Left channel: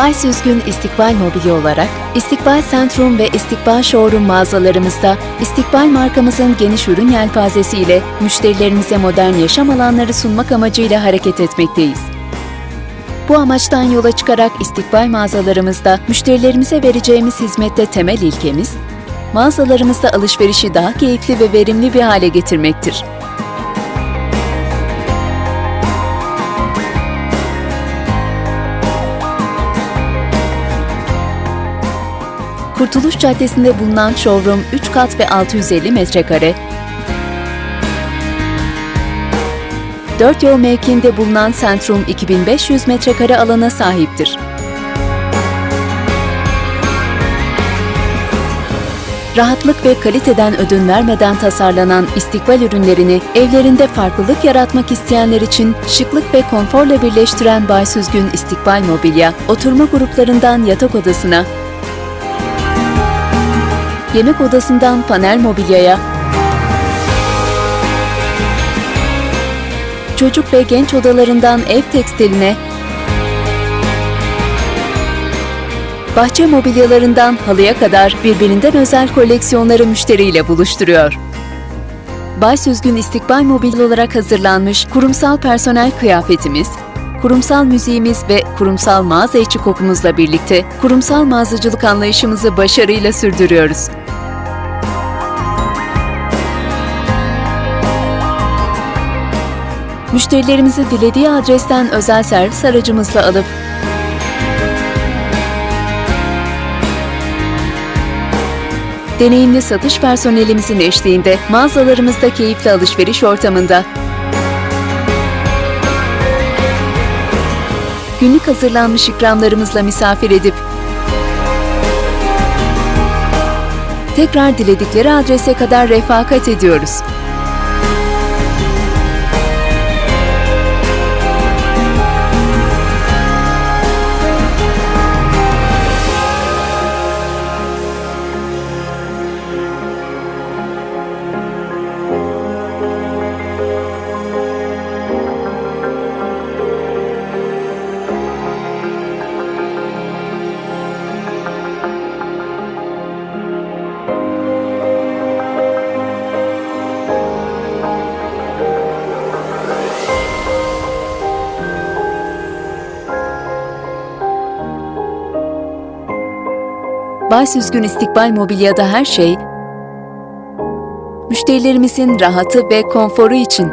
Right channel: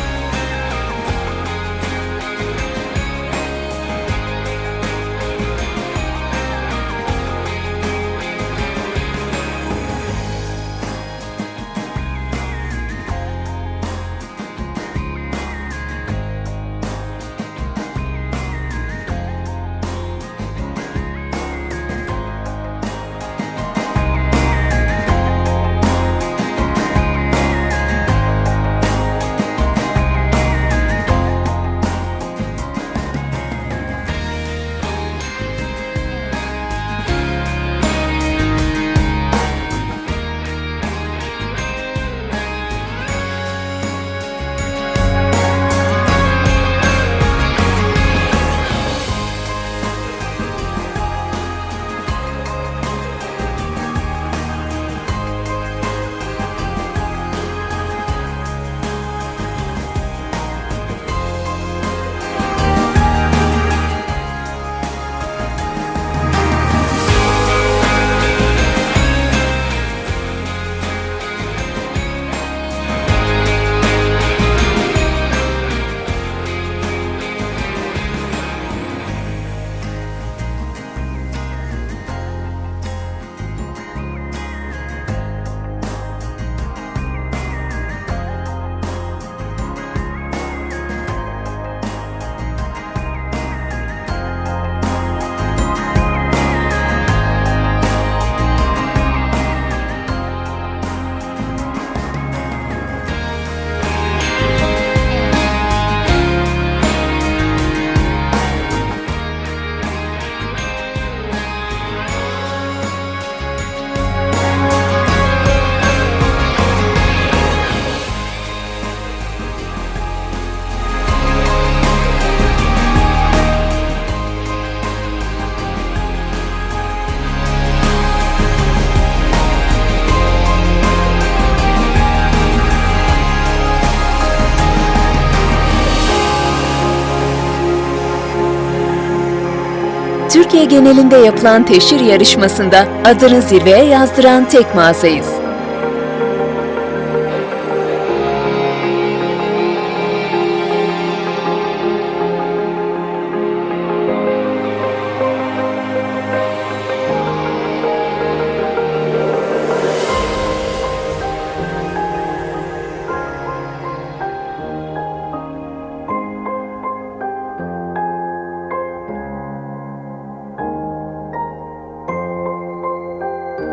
Bay Süzgün İstikbal Mobilya olarak İstikbal Centrum ve İstikbal Showroom mağazalarımızda İstikbal markamızın geniş ürün yelpazesiyle müşterilerimize modern yaşam alanları sunmak amacıyla hareket etmekteyiz. Bu amaçtan yola çıkarak İstikbal mağazalarımızda müşterilerimize vereceğimiz hizmette temel ilkemiz, mağazalarımızda alışverişi daha keyifli ve verimli bir hale getirmektir. Kurtuluş Caddesi'nde bulunan showroom 3 kat ve 650 metrekare, 4 yol mevkiinde bulunan Centrum 2500 metrekare alana sahiptir. Rahatlık ve kaliteden ödün vermeden tasarlanan istikbal ürünlerini evlerinde farklılık yaratmak isteyenler için şıklık ve konforla birleştiren Bay Süzgün İstikbal Mobilya, oturma gruplarından yatak odasına, yemek odasından panel mobilyaya, çocuk ve genç odalarından ev tekstiline, bahçe mobilyalarından halıya kadar birbirinden özel koleksiyonları müşteriyle buluşturuyor. Bay Süzgün İstikbal Mobilya olarak hazırlanmış kurumsal personel kıyafetimiz, kurumsal müziğimiz ve kurumsal mağaza içi kokumuzla birlikte kurumsal mağazacılık anlayışımızı başarıyla sürdürüyoruz. Müşterilerimizi dilediği adresten özel servis aracımızla alıp deneyimli satış personelimizin eşliğinde mağazalarımızda keyifli alışveriş ortamında günlük hazırlanmış ikramlarımızla misafir edip tekrar diledikleri adrese kadar refakat ediyoruz. Türkiye genelinde yapılan teşhir yarışmasında adını zirveye yazdıran tek mağazayız. Bay Süzgün İstikbal Mobilya'da her şey müşterilerimizin rahatı ve konforu için